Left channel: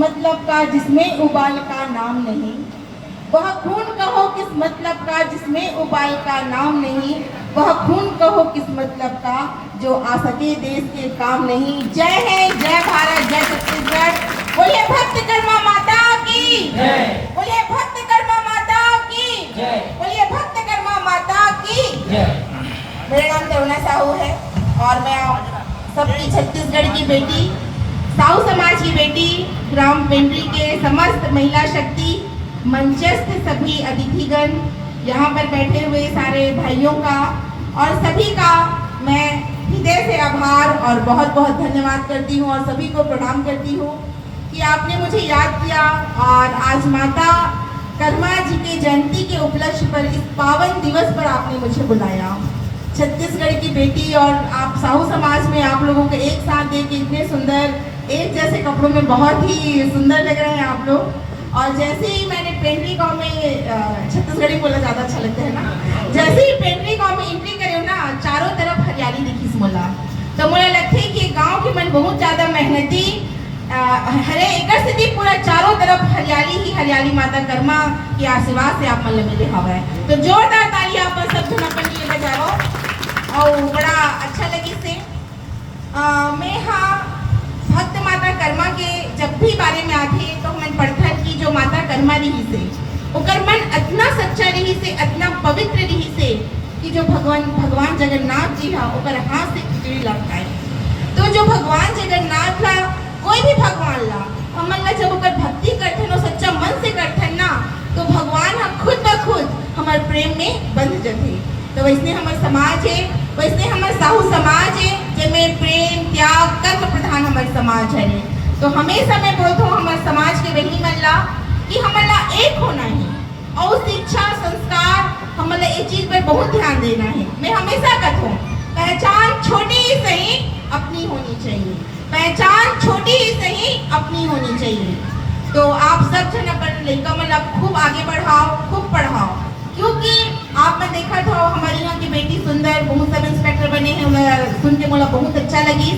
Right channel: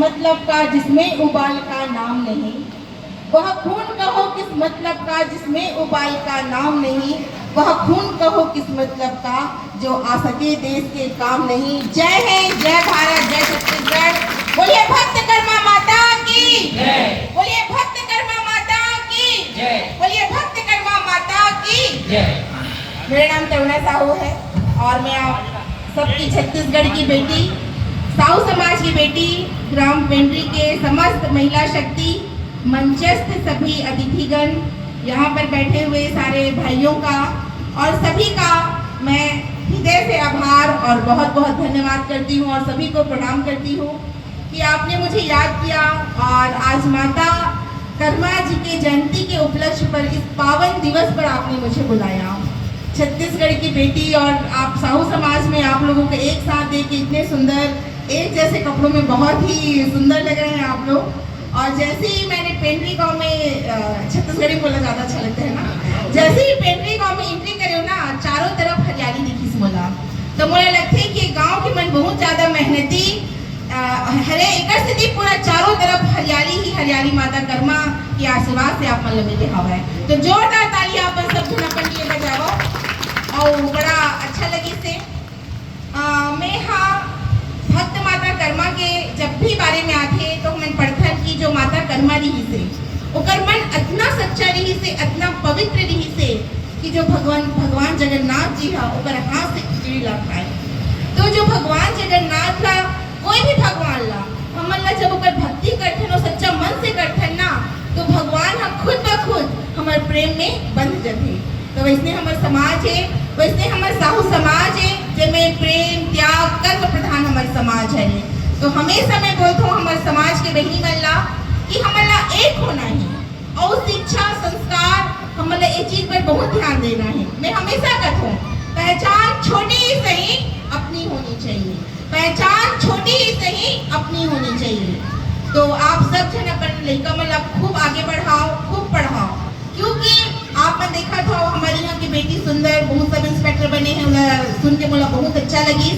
मतलब का जिसमें उबाल का नाम नहीं, वह खून कहो किस मतलब का जिसमें उबाल का नाम नहीं, वह खून कहो किस मतलब का जो आ सके देश के काम नहीं। जय है, जय भारत, जय छत्तीसगढ़। बोलिए भक्त कर्मा माता की जय, बोलिए भक्त कर्मा माता की जय, बोलिए भक्त कर्मा माता की जय। मेरा नाम करुणा साहू है और मैं सबकी छत्तीसगढ़ की बेटी, साहू समाज की बेटी, ग्राम पेंड्री के समस्त महिला शक्ति मंचस्थ सभी अतिथिगण, यहाँ पर बैठे हुए सारे भाइयों का और सभी का मैं हृदय से आभार और बहुत बहुत धन्यवाद करती हूँ और सभी को प्रणाम करती हूँ कि आपने मुझे याद किया और आज माता कर्मा जी के जयंती के उपलक्ष्य पर इस पावन दिवस पर आपने मुझे बुलाया। छत्तीसगढ़ की बेटी और आप साहू समाज में आप लोगों को एक साथ देख के इतने सुंदर एक जैसे कपड़ों में बहुत ही सुंदर लग रहे हैं आप लोग। और जैसे ही मैंने पेंड्री गांव में, छत्तीसगढ़ी बोलना ज़्यादा अच्छा लगता है ना, जैसे ही पेंड्री गांव में एंट्री करे ना, चारों तरफ हरियाली दिखी मोला, तो मुझे लगता है कि गांव के मन बहुत ज़्यादा मेहनती हरे एक से पूरा चारों तरफ हरियाली ही हरियाली माता कर्मा के आशीर्वाद से आप मन मिले हवा है। तो जोरदार ताली आप सब जन अपन लिए बजाओ और बड़ा अच्छा लगी से। मैं हाँ भक्त माता कर्मा के जब भी बारे में आते तो हम पढ़ते कि जो माता कर्मा रही से ओकर मन इतना सच्चा रही से, इतना पवित्र रही से कि जो भगवान जगन्नाथ जी हा ओकर हाथ से खिचड़ी लग पाए। तो जो भगवान जगन्नाथ ला कोई भी भगवान ला हमन ला जब ओकर भक्ति करथन और सच्चा मन से करथन ना, तो भगवान हा खुद ब खुद हमारे प्रेम में बंध जाते। तो वैसे हमारे समाज है, वैसे हमारे साहू समाज है जिसमें प्रेम त्याग कर्म प्रधान हमारे समाज है। तो हमेशा मैं बोलता हूँ हमारे समाज के वही गल्ला कि हमारा एक होना है और शिक्षा संस्कार हमारा एक चीज पर बहुत ध्यान देना है। मैं हमेशा कहता हूँ पहचान छोटी ही सही अपनी होनी चाहिए, पहचान छोटी ही सही अपनी होनी चाहिए। तो आप सब जन अपन लड़का मतलब खूब आगे बढ़ाओ, खूब पढ़ाओ, क्योंकि आपने देखा था हमारी यहाँ की बेटी सुंदर बहुत सब इंस्पेक्टर बने हैं, सुन के मुझे बहुत अच्छा लगी।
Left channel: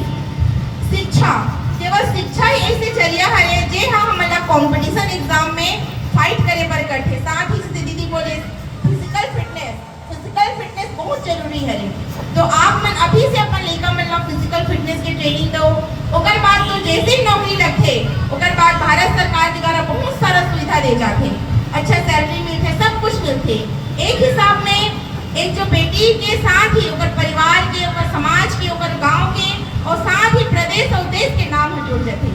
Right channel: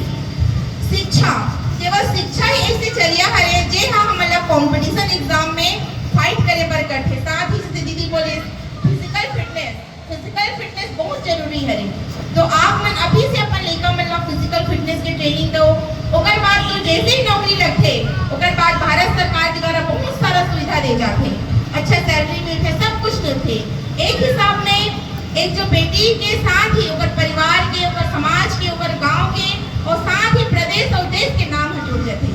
शिक्षा केवल शिक्षा ही ऐसे चलिया है जे हाँ हमारा कंपटीशन एग्जाम में फाइट करे पर करते। साथ ही से दीदी बोले फिजिकल फिटनेस बहुत जरूरी है। तो आप मन अभी से अपन लेकर मतलब फिजिकल फिटनेस की ट्रेनिंग दो, ओकर बाद तो जैसे ही नौकरी लगते ओकर बाद भारत सरकार द्वारा बहुत सारा सुविधा दे जाते, अच्छा सैलरी मिलते, सब कुछ मिलते। एक हिसाब में एक जो बेटी के साथ ही ओकर परिवार के, ओकर समाज के, ओकर गांव के और साथ ही प्रदेश और देश के नाम जुड़ जाते।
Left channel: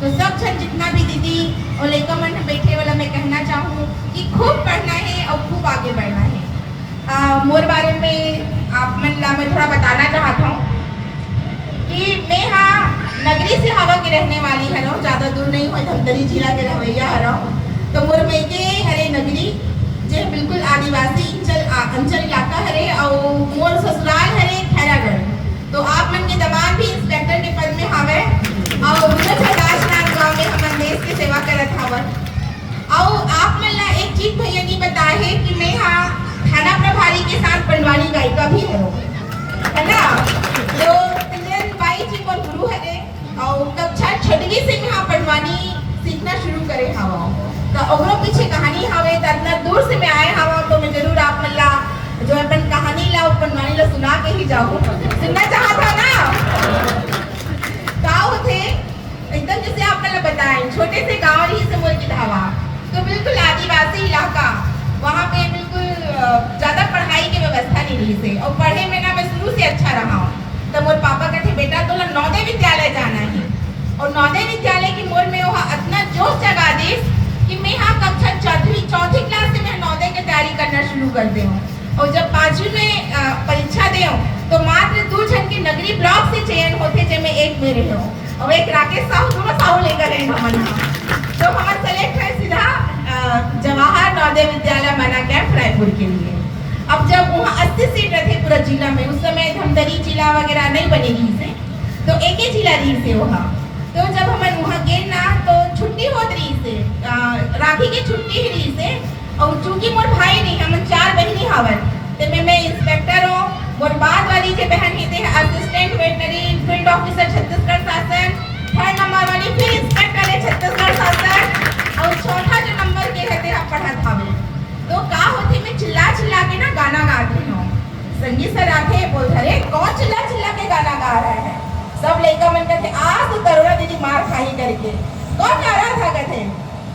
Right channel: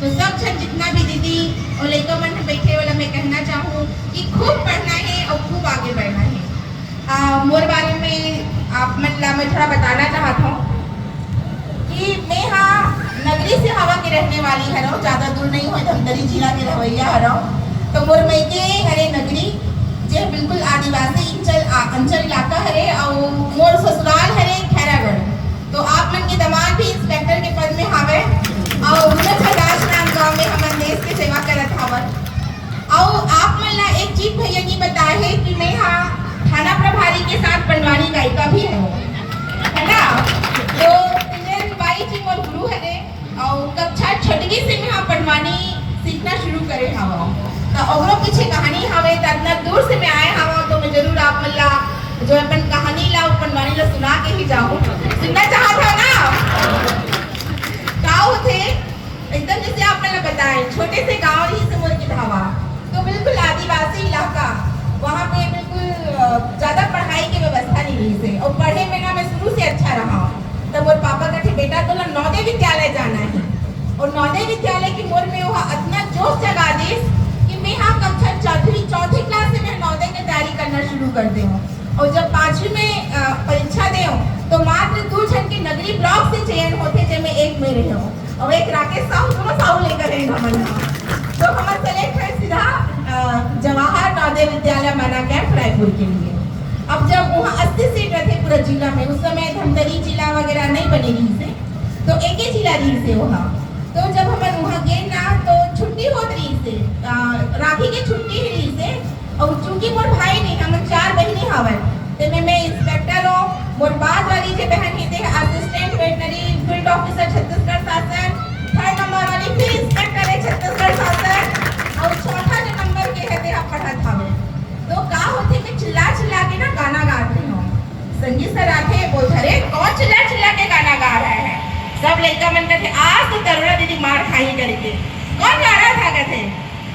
तो सब जन जितना भी दीदी और लड़का मन बैठे वाला मैं कहना चाहूँ कि खूब पढ़ना है और खूब आगे बढ़ना है। मोर बारे में आप मन ला मैं थोड़ा बताना चाहता हूँ कि मैं हाँ नगरी से हवा के रहने वाली है, ज़्यादा दूर नहीं हो, धमतरी जिला के रवैया हरा। तो मोर मेके हरे नगरी जो बिल्कुल आदिवासी अंचल इलाका हरे और मोर ससुराल हरे खैरागढ़। तो आप मन के दमाद भी इंस्पेक्टर के पद में हवे और उत्तर प्रदेश गाँव में हमारे देश की सेवा करत हवन। और आप मन ला एक चीज भैया नहीं बताए है कि मैं हाँ थाना प्रभारी के साथ बनवानी गायिका भी है ना। तो पिंजन बाई जी मोर गुरु हरे और कक्षा 6वीं से मैं हाँ बनवानी सीखना शुरू करे हवा। तो और पीछे कहानी हवे तो इतना दूर से मैं आए हवा, तो मैं जरूर आप मन ला जो अपन कहानी ला अपन वाणी ला सुना के ही जाओ। सुनना चाहता ना गाँव थे एकदम जैसे आपने बताए छोटे से गाँव रही से मोर की धावा, तो बिल्कुल आदिवासी इलाका, वहाँ पे बिल्कुल ज्यादा पढ़ाई की व्यवस्था नहीं रही से और पढ़े में ना मैं शुरू से अच्छा रहा हूँ। तो मोर पापा कहते बेटा तो नवोदय विद्यालय जाना है और नवोदय विद्यालय की मोर में वहाँ इतना जोश जगा दे कि मैं हाँ कक्षा चौथी क्लास से मैं नवोदय की तैयारी करना शुरू कर दे हूँ। और जब 5वीं में परीक्षा दे तो मात्र 2 जन के नगरी ब्लॉक से चयन होते जिसमें एक मेरे हो और एक राकेश साहू लेकर है हमन। तो हमारे सेलेक्ट है सीधा जवाहर नवोदय विद्यालय मना कैंप रायपुर के लिए। अब जब वहाँ 80 सीट रहते पूरा जिला में, उस समय धमतरी जिला वगैरह नहीं बनी रही से, तो एक ही जिला रही से वहाँ। तो जब हमें वहाँ गए ना तो छुट्टी होत रही से, राखी की छुट्टी ही रही से। और चूंकि मोर भाई नहीं हम 4 बहनी हवन, तो मैं इंस्पेक्टर हूँ। मोर बाद वाली जो बहन ही थे assistant veterinary field officer Chhattisgarh शासन, 3rd नंबर वाली फिर इंस्पेक्टर है छत्तीसगढ़ शासन। कौन गा रहा था कहते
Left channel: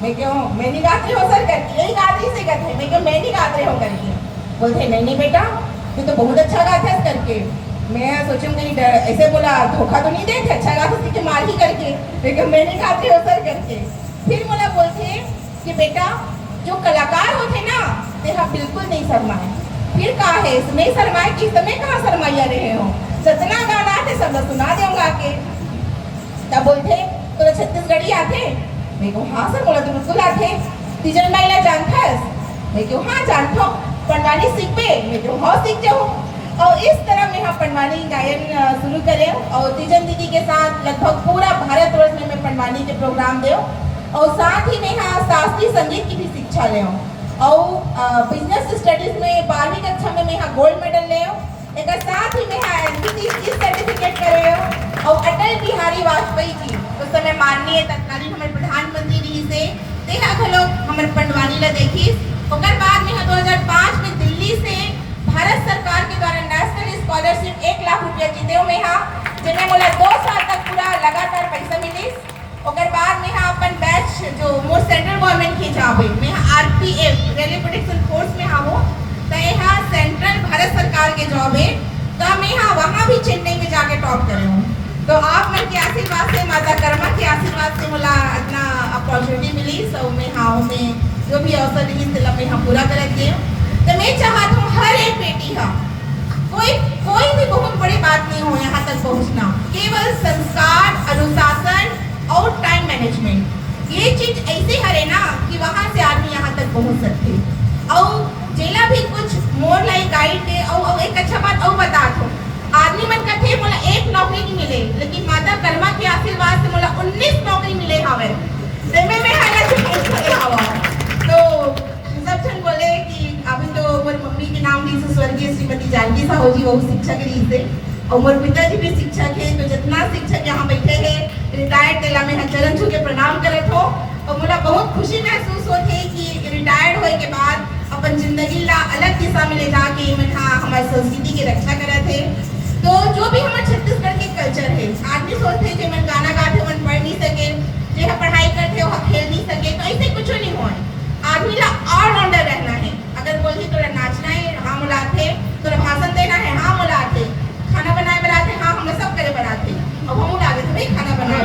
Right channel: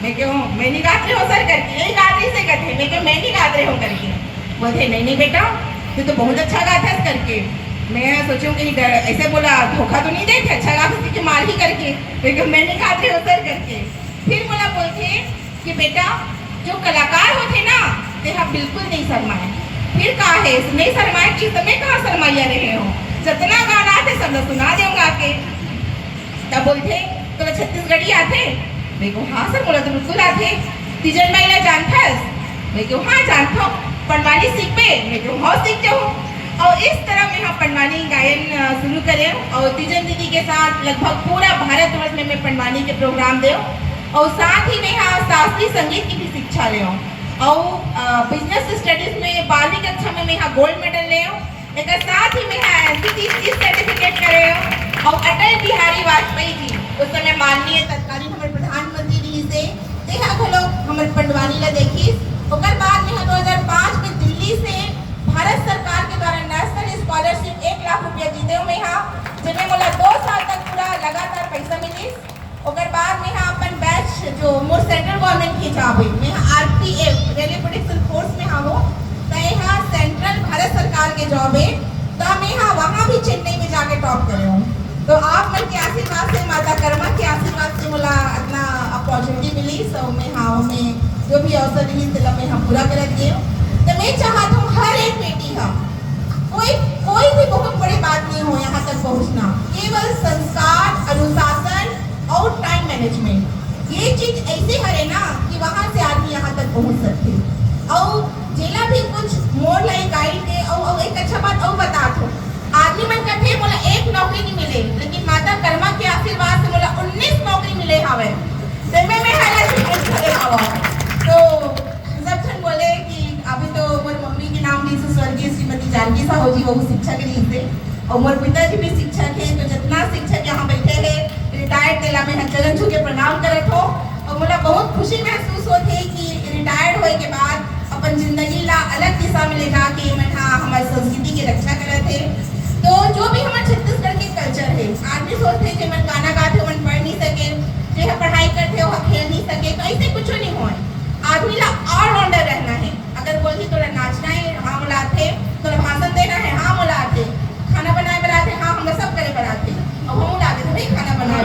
मैं क्यों मैं नहीं गाती हूँ सर करके यही गाती से कहते मैं क्यों मैं नहीं गाते हूँ करके बोलते नहीं नहीं बेटा तू तो बहुत अच्छा गाता है करके मैं सोचूं कहीं ऐसे बोला धोखा तो नहीं देते अच्छा गाते कि मार ही करके मैं क्यों मैं नहीं गाती हूँ सर करके फिर बोला बोलते कि बेटा जो कलाकार होते ना ते हाँ बिल्कुल नहीं शर्माए फिर कहा है नहीं शर्माए कि समय कहाँ शर्माइया रहे हो सतना गाना थे सब लोग सुना दूंगा के तब बोलते तो छत्तीसगढ़ी आते मैं को हाँ सर बोला तो बिल्कुल आते तीजन महिला जानता है मैं क्यों हाँ जानता हूँ पंडवानी सीख पे मैं क्यों हाँ सीख जाऊँ और इस तरह में हम पंडवानी गायन शुरू करें और तीजन दीदी के साथ लगभग पूरा भारतवर्ष में मैं पंडवानी के प्रोग्राम दे और साथ ही में यहाँ शास्त्रीय संगीत की भी शिक्षा ले और बिजनेस स्टडीज में 12वीं कक्षा में मैं यहाँ गोल्ड मेडल ले एक साथ ही मैं एनसीटी सर्टिफिकेट करे और अटल बिहारी वाजपेयी जी उस समय माननीय तत्कालीन हमारे प्रधानमंत्री जी से देखा तो लोग हमारे पंडवानी ला देखी उसके बाद में 2005 में दिल्ली से भारत सरकार के द्वारा नेशनल स्कॉलरशिप 1 लाख रुपया जीते में यहाँ जिनमें बोला 2 साल तक पूरा लगातार पैसा मिली उसके बाद में यहाँ अपन बैच जो मोर सेंट्रल गवर्नमेंट की जॉब है मैं आरपीएफ रेलवे प्रोटेक्शन फोर्स में हाँ हूँ तो यहाँ सेंट्रल भारत सरकार के जॉब है तो मैं यहाँ वहाँ भी चेन्नई में जाके टॉप करे हूँ तो आप मन के आशीर्वाद से माता कर्मा के आशीर्वाद से मला इतना अपॉर्चुनिटी मिली सब मैं हाँ मैं जो भी अवसर नहीं मिला मैं यहाँ पूरा करती हूँ तो मैं चाहता हूँ हर एक बेटी का कोई भी बहुत बड़ी बात नहीं हो यहाँ तक पहुँचना केवल संस्कार अनुशासन और टाइम मैनेजमेंट ये चीज ऐसे करे ना कि वहाँ से आदमी यहाँ तक पहुँच सकते और जेला भी कुछ मोर लाइक गाइड के और एक अच्छा बात और बता दो आदमी मन कहते बोला एक नौकरी नहीं मिले लेकिन माता कर्मा के आशीर्वाद से बोला 19 नौकरी मिले हवे देने में हवा तो सब जन बोले कि अभी तो मोर मम्मी के नाम ली से स्वर्गीय श्रीमती जानकी साहू जी वो शिक्षक ली से और मोर पिताजी भी शिक्षक है तो जितना शिक्षक यहाँ बैठे हैं रिटायर्ड दिला में चरण छू के प्रणाम करत हो और मुझे बहुत खुशी महसूस होती है कि रिटायर्ड होने के बाद अपन जिंदगी ला अलग दिशा में ले जाके मैं हमारी संस्कृति की रक्षा करे थे तो जो भी हमारे छत्तीसगढ़ के कल्चर है आदमी सोचते हैं कि मैं गाना गाते मन पढ़ नहीं सके जो पढ़ाई करते हो खेल नहीं सके तो ऐसे कुछ नहीं हो आदमी ला ऑलराउंडर रहना है अगर बोलिए थोड़ा नाचना है हाँ बुलाते थोड़ा भाषण देना है हाँ बुलाते खाना बनाए बनाते हाँ हम सब करे बनाते और हम बुलाते भाई खाना बनाए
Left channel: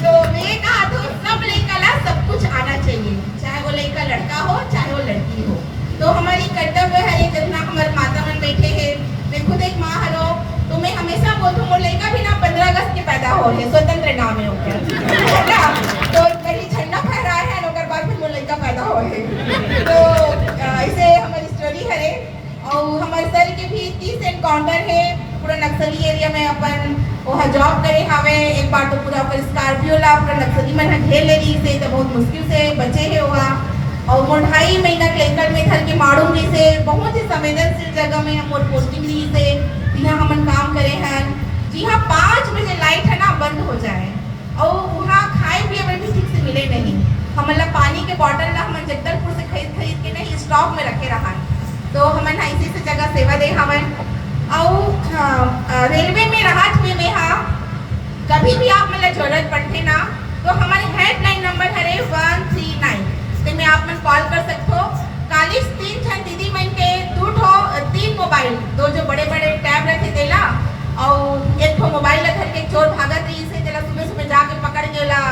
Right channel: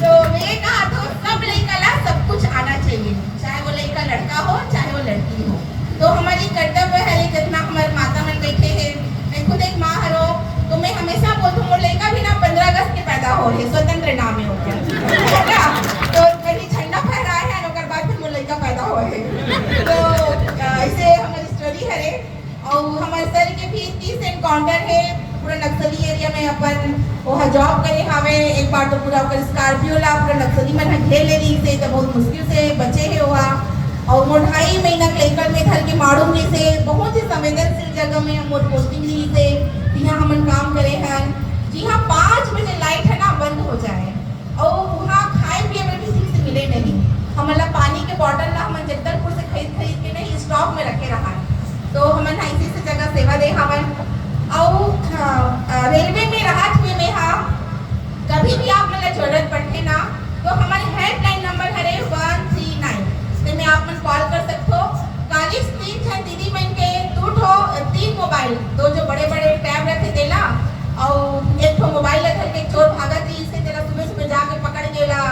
तो मैं कहा तो सब लड़का ला सब कुछ आना चाहिए चाहे वो लड़का लड़का हो चाहे वो लड़की हो तो हमारी कर्तव्य है जितना हमारे माता मन बैठे हैं मैं खुद एक माँ हरो तो मैं हमेशा बोलती हूँ लड़का भी ना 15 अगस्त के पैदा हो रहे स्वतंत्र नाम है तो कहीं झंडा फहरा है और बाद फिर वो लड़का पैदा हो रहे तो ऐसे हमारी स्टोरी है और हमारे सर के भी 30 एनकाउंटर है पूरा नक्सली एरिया में अपन वहाँ जॉब करे हमें एक बार तो पूरा अपन स्कॉर्पियो ला पूरा नक्सली में घेर ले रही से तो बहुत मुश्किल से बचे है वहाँ और वो 2.5 महीना लेकर में घर के माड़ू रही से बहुत ही संवेदनशील जगह में हम पोस्टिंग रही से यहाँ हम काम करे हैं जी हाँ 5 बजे लाइट है ना बंद हो जाए और वहाँ खाए पिए में भी ठीक से मिले नहीं हम पानी के बॉटल ला हम जगदलपुर से खरीद के नहीं स्टॉक में रखे रहा तो हमन ऐसी से जगह सेवा दे हमन और रेलवे में राहत में हाँ कभी भी आप मतलब जरूरत पड़ते ना तो हमारे हेल्पलाइन नंबर है 139 तो मैं आप मन कॉल कर सकते हो 3 दीदी मन के 3 मोबाइल 2 जो बड़े बड़े टैब रखे देला और एक मोबाइल रख के चोर भागत रही से तेरा सुबह जाके पकड़ गेला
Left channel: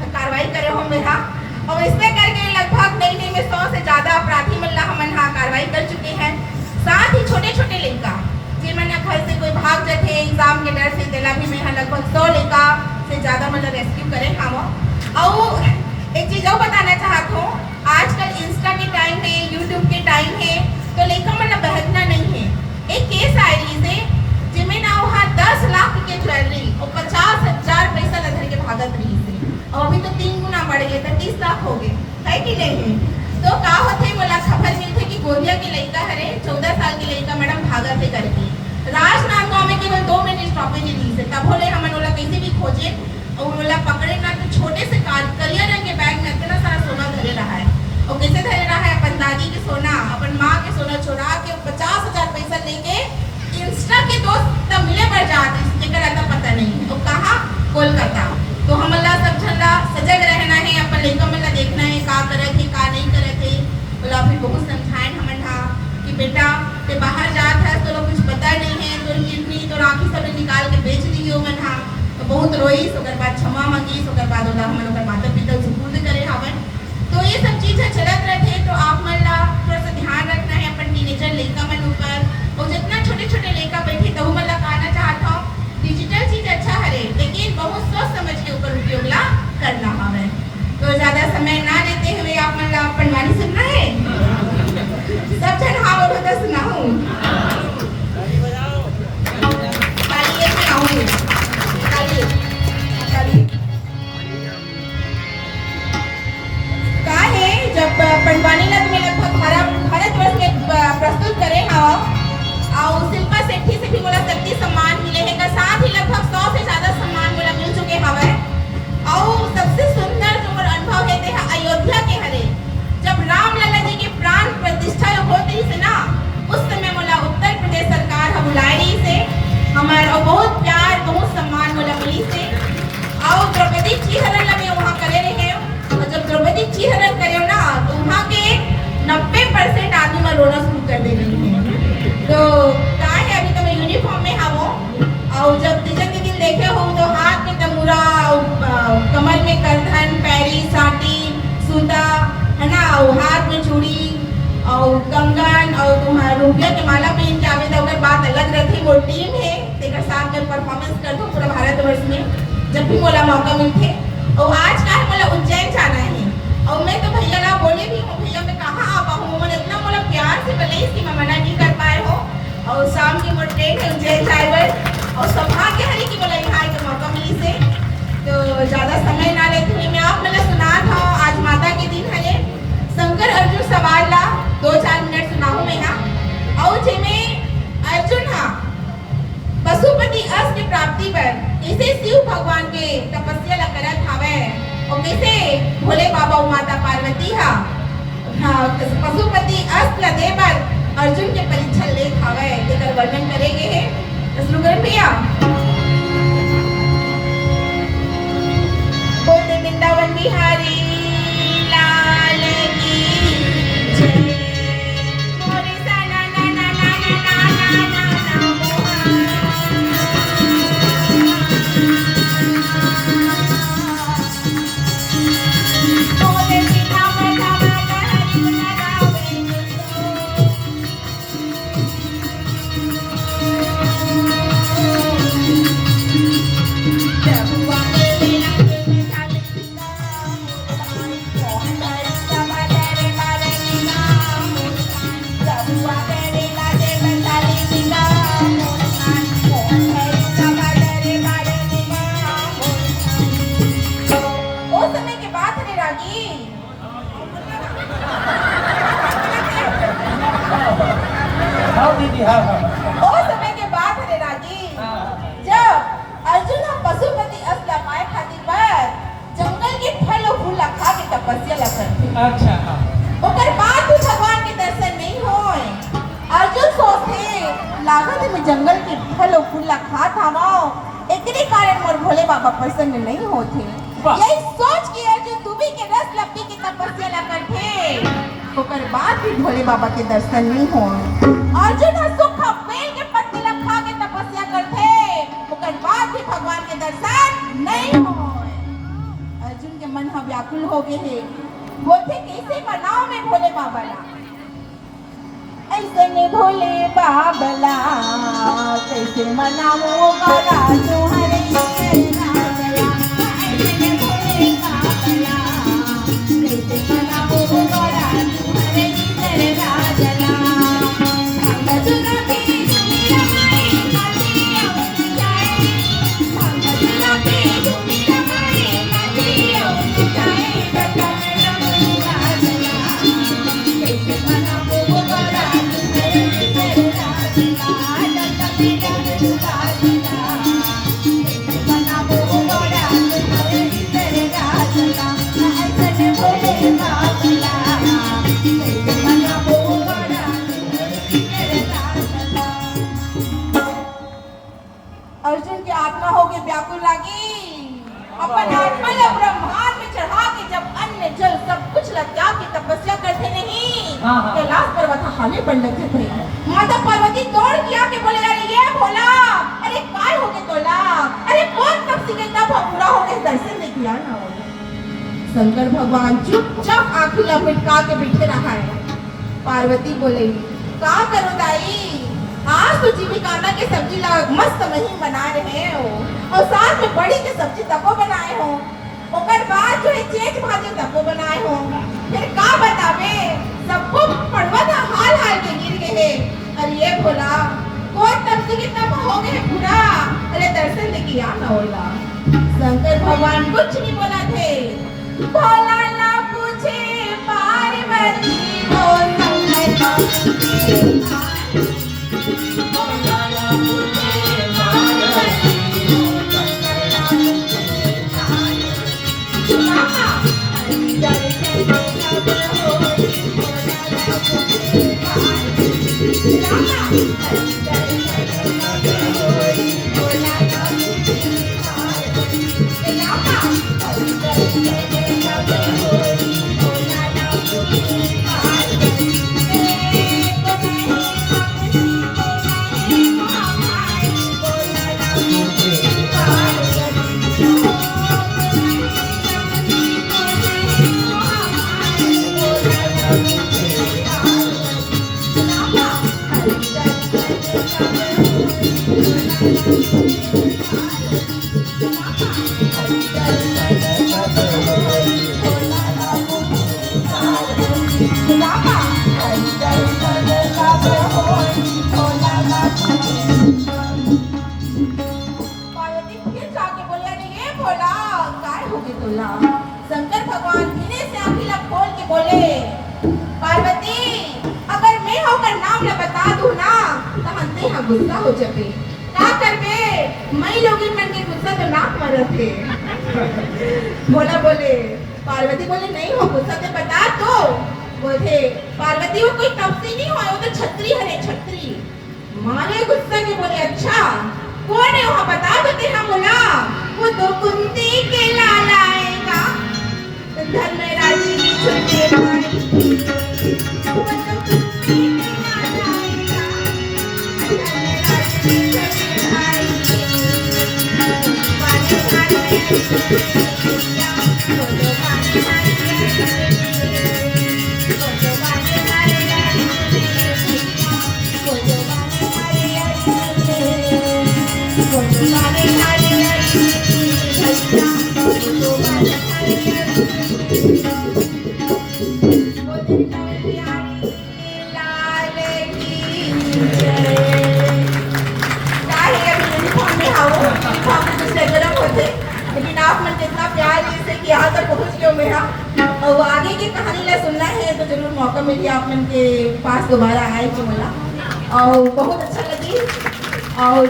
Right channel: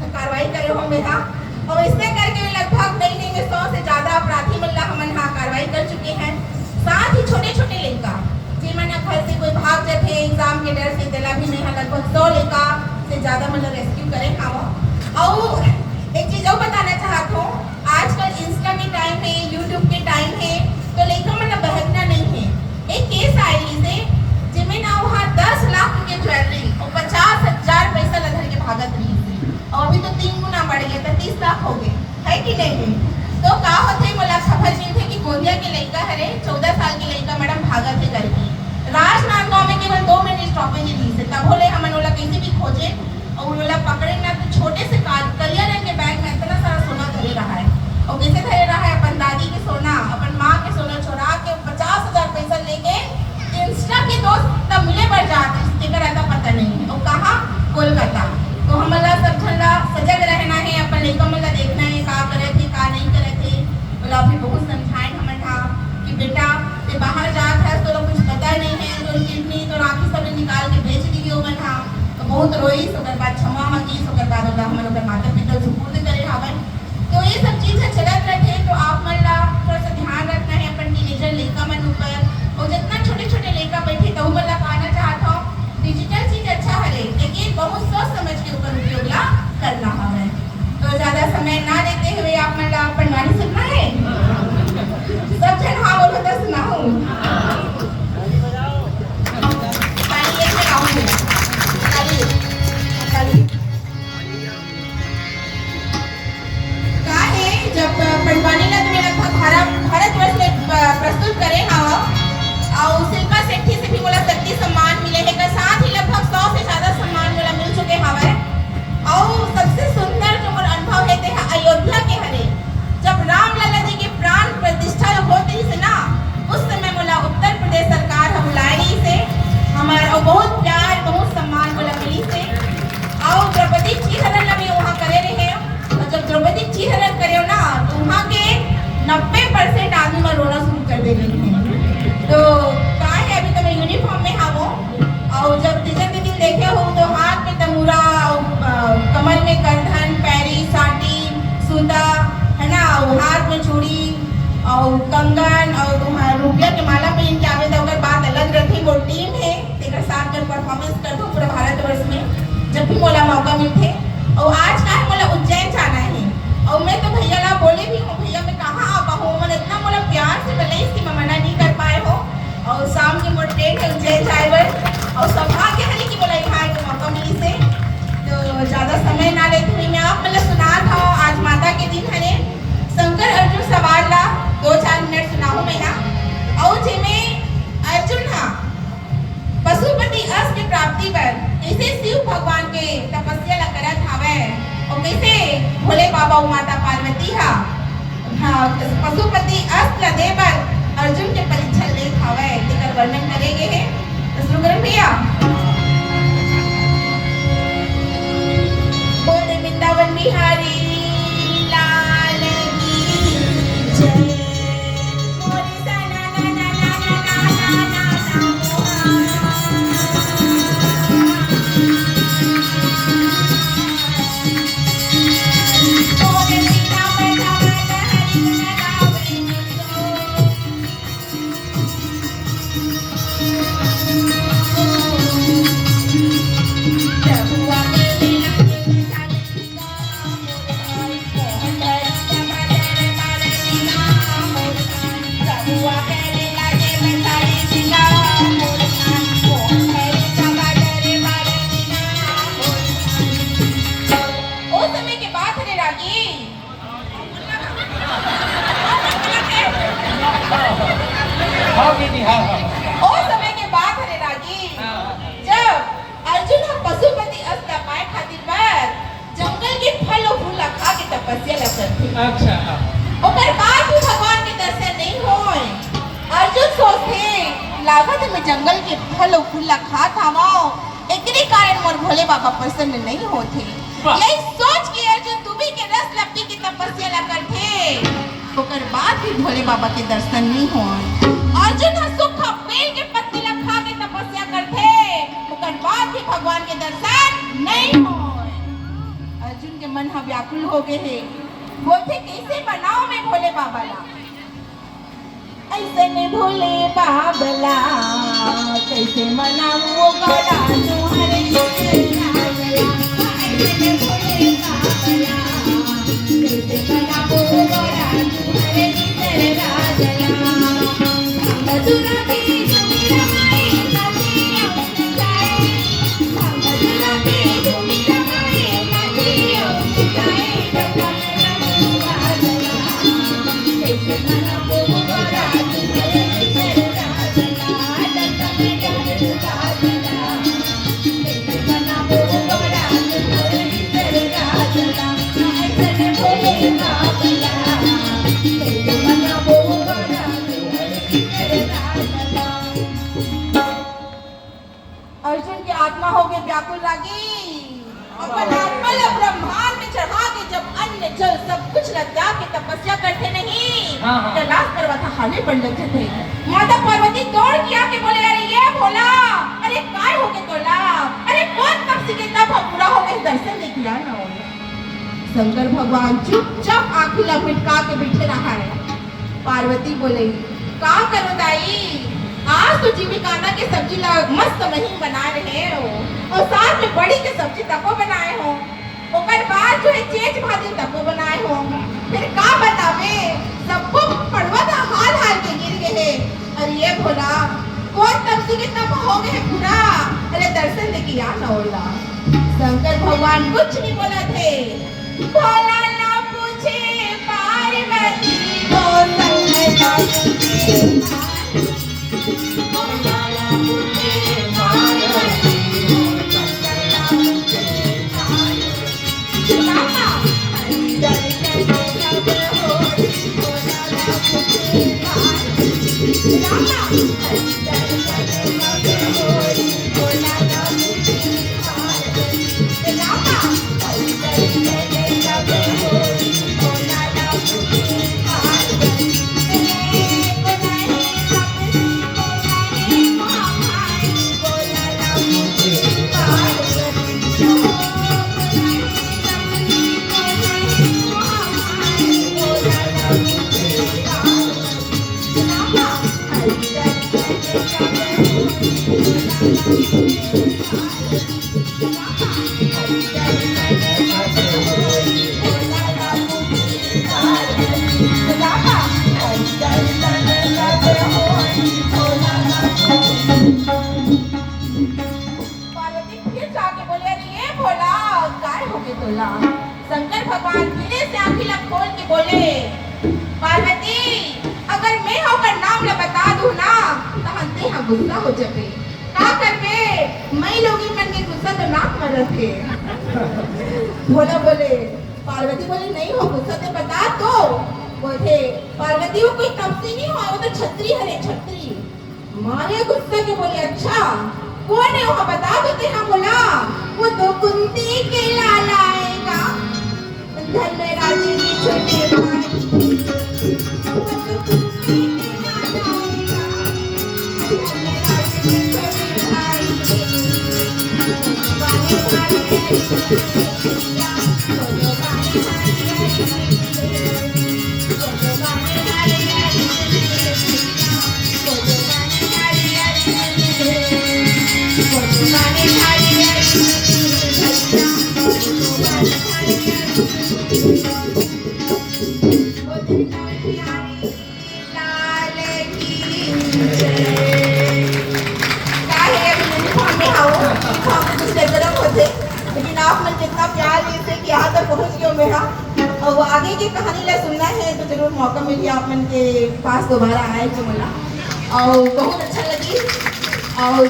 कार्रवाई करे हो मेरा और इससे करके लगभग नई में 100 से ज्यादा अपराधी मन हमन हाँ कार्रवाई कर चुके हैं साथ ही छोटे छोटे लड़का जिन घर से कोई भाग जाते एग्जाम के डर से दिला भी में लगभग 100 लड़का से ज्यादा मतलब रेस्क्यू करे हम और एक चीज और बताना चाहता हूँ आजकल इंस्टा के टाइम है यूट्यूब के टाइम है तो लड़का मतलब बहकना नहीं है एक केस आई से जिसमें ना वहाँ 10 लाख के ज्वेलरी और 50,000 पैसा लगा के भागत रही थी और अभी तो 3 गुना बढ़ गए तो 30 लाख हो गए है कि नहीं तो का होते मला खबर मिलते कि गोलिया के लड़का हरे 14 साल के लड़का मैडम भागत से करके राजनांदगांव में केवल 2 मिनट स्टॉपेज ली से तब बोले हम कैसे भी खोजे और उन्होंने पकड़े ना तो छोटे से करिया रंग के बैग में इतना सारा सोना धरे रहा है और कैसे धरे रहा है अपन दादी के सोना अपन माँ के सोना चुरा के 50,000 पैसा लेके इंस्टा के दोस्त तब मिले बढ़ जाते पता नहीं और कहा कोलकाता तो हम बहुत रोईस, ओकर बाद क्षमा मांगीस, ओकर बाद ओला हमन ओकर माता पिता सुपुर्द करे हवन। तो ये सब चीज चलत रहे। तो आप मन ला थोड़ा सा ध्यान रखना है अपन टीनेजर लड़का मन ऊपर, और जितना छोटे छोटे लड़का बैठे तो मन ला कहना चाहता हूँ डिजिटल चीज अच्छा हरे, लेकिन बहुत सोच समझ के ऊपर उपयोग ला करना हवे। तो ज्यादा समय ना लेते हुए आप मन ला अपन वाणी सुनना है। सब जन हाँ बोलो तो सुनाऊं। ताली बजाओ। का है जब पंडवानी ला तुम्हें लगभग भारतवर्ष में प्रस्तुत करे और शिल्पा शेट्टी से भी बोला शक्ति सम्मान मिले है का, साथ ही लगभग 100 से ज्यादा सम्मान बोला मिल चुके हवे। और सबसे सुंदर जो मोर अनुभव है देखा अयोध्या के हरे, जब राम लला जी के प्राण प्रतिष्ठा होती से ना, उस समय मोला उत्तर प्रदेश सरकार हम बुलाई से हमारा बहुत प्यार बहुत सम्मान मोला मिली से। और द्रौपदी चीहरण भी वहाँ करे रहे, और जब द्रौपदी चीहरण करे ना तो वहाँ के 90% आदमी का रोना शुरू कर देंगे। तो क्या है अभी तो मैं यूनिफॉर्म में हूँ, और जब तीसरे दिन देखे हो तो हाथ में तमूरा, कमर में करधन, पैरी साटी सूता है ना, और हाथ में चूड़ी और कंगन और तुम्हारा रुपया के माला पहन के आवे। तो बात अलग रखी। वो टीम है एक साथ में परफॉर्मेंस करते हो पूरा भारतवर्ष में जब भी मोला मौका मिलते। और आज का मोला उज्जैन जाना है, और मैं तो भैया ला बोले भी हूँ भैया मैं कहाँ आ पाऊँ, मैंने इतना मोला प्यार से बोले इसकी मैं मना नहीं कर पाए हो। और शाम की मोर ट्रेन है उज्जैन ड्राइवर, और सौभाग्य है कि बोला यहाँ के मौका मिली से। तो ज्यादा समय ना लेते हुए मैं आप मतलब सुना था आज माता के दिन है शंकर अर्जुन सवाल ला 2-4 मिनट सुनाऊं मैं ना। और जिन्हें अर्जुन हा पशुपति अष्ट की प्राप्ति पर कैसे शिव भगवान के तपस्या ला करत हावे, और कैसे भोले बाबा और माता पार्वती हा पशुपति अष्ट ला दे बर अर्जुन के परीक्षा ले हावे, जेकर वर्णन करेंगे है। तो शुरू करें भैया। बोल वृंदावन बिहारी लाल की जय। मोरे सा ना ना ना ना ना ना ना ना मोरे सीता माता हरि गुण गावे। और समय के बाद हरे रागी जब अर्जुन पशुपति अष्ट ला पाए खातिर पर जंगल के फल और फूल खा के तपस्या ला करथे। अच्छा। ओकर बाद भी भगवान के दर्शन नहीं होए। अर्जुन सोचथे लागत में जंगल के फल और फूल खा थामो, एकरे कारण मोर भोले बाबा प्रसन्न नहीं होथे। यही सोच के अर्जुन दुबी के रस लपटी के तपस्या ला करथे। ओकर बाद भी भोले बाबा के दर्शन नहीं होए। अर्जुन सूखा बेल के पत्ते ला खा के तपस्या करथे, ओकर बाद भी भगवान के दर्शन नहीं होए। अर्जुन के मन व्याकुल हो गए है, बोलते कैसे बनाओ मैं भोले बाबा ला, ऐसे में भोले बाबा ला कैसे मनाऊं गौरा तुम्हारे अर्जुन की आत्मा हो गई व्याकुल लागी। अपन आत्मा ला ब्रह्मांड में चढ़ा के जब अन्न जल सब कुछ ला त्याग के तपस्या करते नहीं, कैलाश पर्वत हाले बन जाते थे। माता पार्वती दौड़ किया के बोले अरे ये भोला, अरे काय हो गए तोला, अरे कौन तब से कितना भगुड़ा हो गए दर्शन दे दिया ना। शंकर भगवान चुपचाप आंखें लपका के बैठे रहा है। पार्वती बोले का करो दाई, आज तो जीविकाना के सब्जी मस्त महीन बना रहे हो और साथ में बड़ी के सब्जी तको बनाए हो, ओकर बाद जो है चेच भाजी तको बनाए हो, फिर का बतावे सबको पड़वा था हाल हाल के गिर गए। अरे ये भोला कौन तब से कितना हो गए पूरा, अरे दर्शन दे किया ना होला। शंकर भगवान कुछ नहीं बोला थे। भोला ना पूछे पार्वती को शंकर भगवान फिर से आंखें खोल के बोले पार्वती अगर मैं होकर नाम न बता दूं ना तो हमसे यहाँ गुस्सा हो जाए का करके मैं लोग मन में गुस्सा तो ना मर रखे। भोला बोले पार्वती बोले नहीं हो गुस्सा से बता तो बोले पार्वती वो कोई तपसी नहीं हुआ, वो तो छत्री है छत्री। मारे गुस्सा के बोले अच्छा कौन है वहाँ बता देते हैं। बोला वो तो कुंती के लाला आएगा धर्मराज की छोटे भाई, वो तो कुंती के लाला आएगा धर्मराज की छोटे भाई। लेकिन आप मुझे जितना प्यार से कि यहाँ तक पहुँच गए मेरा और वो आगे की कहानी में सुनना है तो जरूर मौका मिले आप मन के पास दोबारा आए कि मिला और बहुत अच्छा लगी और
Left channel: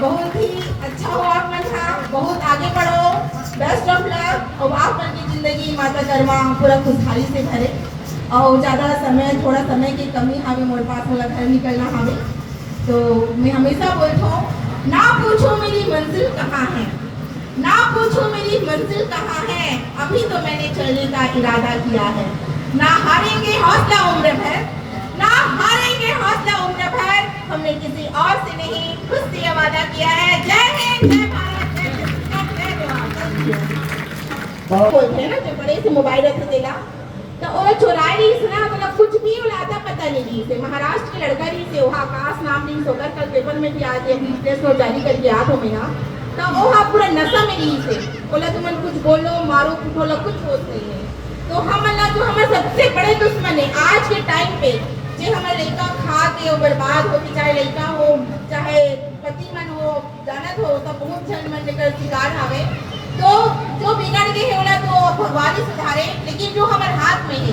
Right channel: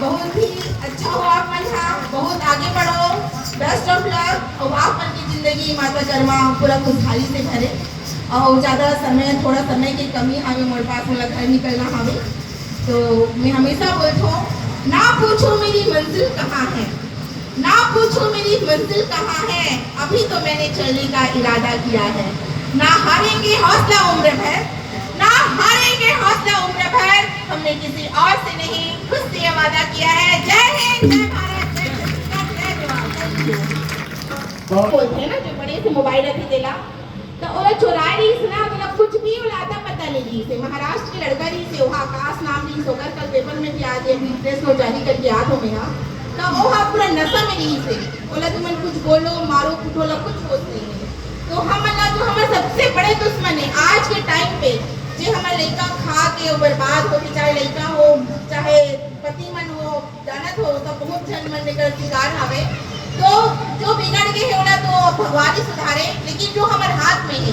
बहुत ही अच्छा हो आप मन का, बहुत आगे बढ़ो, बेस्ट ऑफ लक और आप मन की जिंदगी माता कर्मा पूरा खुशहाली से भरे और ज़्यादा समय थोड़ा समय की कमी हमें मोर पास में घर निकलना हमें तो मैं हमेशा बोलता हूँ ना पूछो मेरी मंजिल कहाँ है, ना पूछो मेरी मंजिल कहाँ है, अभी तो मैंने चलने का इरादा किया है। ना हारेंगे हौसला उम्र भर, ना हारेंगे हौसला उम्र भर, हमने किसी और से नहीं खुद से वादा किया है। जय हिंद जय भारत जय बोलते हैं ना जो बड़े से मोबाइल रख देला तो ओला चुराई रही सुना बोला कुछ भी उलाता पता नहीं जी से महाराष्ट्र की लड़का रही से वहाँ आकाश नाम नहीं सोकर कल पेपर में भी आज प्रेस में जारी करके याद हो मेरा तो वो हाँ पूरा नशा में रही से बोला तुम कुछ बोलो मारो कुटोला कुछ होता नहीं है। तो हम अल्लाह जो हमारे सबसे बड़े दुश्मन है आज के टाइम पे जे हमारे लड़का खा के वो बर्बाद हो चाहे लड़का हो चाहे पति मन हो जानत हो तो बहुत जन मन लेकर शिकार आवे तो जो बिगड़ गए है ना तो भगवान ही सुधारे, लेकिन जो हमारे हाथ में है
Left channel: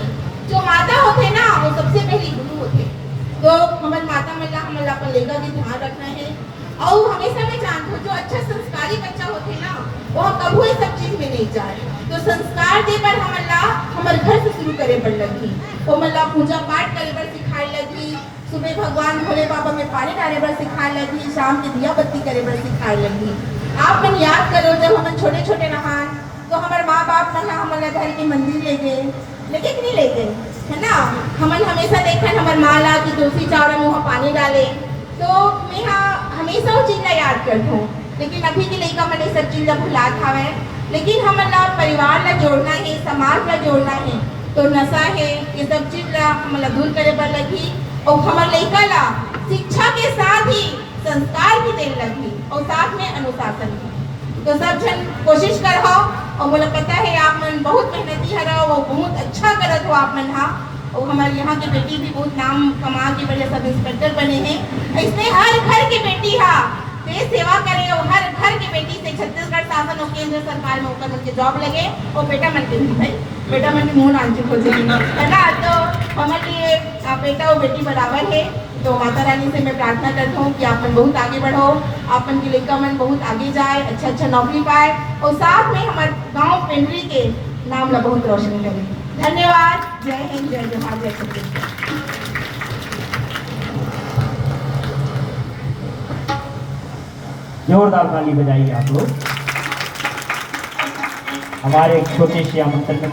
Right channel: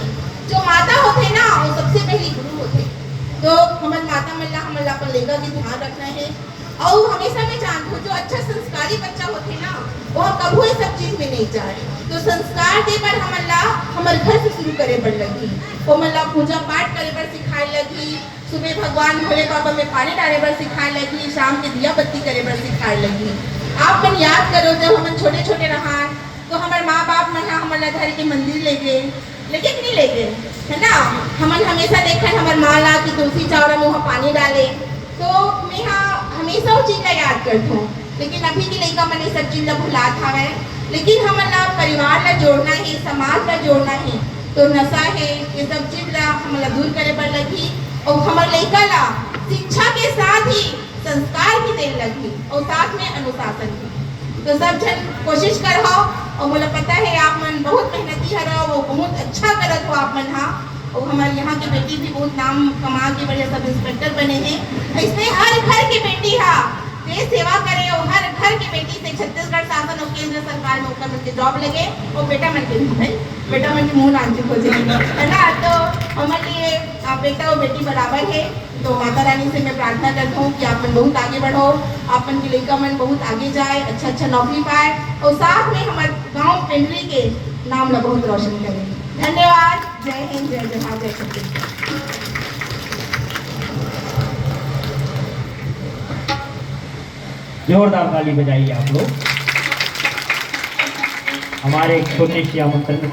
जो माता होते ना वो सबसे पहले गुरु होते तो हमारे माता मिलना हमारे अपन लेगा भी ध्यान रखना है और हमेशा मैं जानती हूँ जो अच्छा संस्कारी बच्चा होते ना वो कभी ये सब चीज में नहीं जाए तो संस्कार दे पर हमारे घर से शुरू करे बढ़ लगी वो मतलब पूजा पाठ करे पर सिखाए लगी, सुबह भगवान भोले बाबा में पानी डाले पर सिखाए लगी, शाम के दिया बत्ती करे पर सिखाए लगी। आप मन याद करो जब हम छोटे छोटे रहा तो हमारे माँ बाप मन हमारा घर के मंदिर ले गए लेकिन नहीं ले गए है ना, हमन हमेशा देखा हमारे माँ ला कि तुलसी चावड़ा में वहाँ पानी डाले तो मैं हमेशा उस चीज का याद करता हूँ लेकिन अभी के लइका मन ये सब चीज ला भुलात हवे। लेकिन हमन ला परिवार ला जोड़ना है, समाज ला जोड़ना है, तो नशा है ये सब चीज ला हमन ला दूर करे बर लगही और हमर लइका ला शिक्षा के साथ ही संस्कार भी देने लगी और साथ में अनुशासन भी। तो सब जन कोशिश करो और मुझे पता है आप मन बहुत मेहनती हरा और बहुत अच्छा करत हो आप मन। हाँ, और हमारे यहाँ की बेटी भी बहुत नाम कमा के बड़े सब इंस्पेक्टर बने हैं। इसलिए हर घर की बेटी देश सेवा करे और हर घर की बेटी से छत्तीसगढ़ शासन और केंद्र सरकार में ऊपर के जॉब लगे और बेटा मन के भाई बेटा मन के मुंह नाच हो जाए, है ना। तो हमारे लिए बेटा और बेटी बराबर है। तो माता रानी से मैं प्रार्थना करता हूँ कि आप मन बहुत आगे बढ़ो, आप मन की लड़का मन बहुत आगे जाए, अच्छा अच्छा नौकरी पाए और साथ में हमारे गांव पेंड्री के नाम ला बहुत रोशन करें। धन्यवाद। जय हिंद, जय जवाहर, जय छत्तीसगढ़। जोरदार ताली बजाइए आप लोग। हमारे छोटे से आमंत्रण में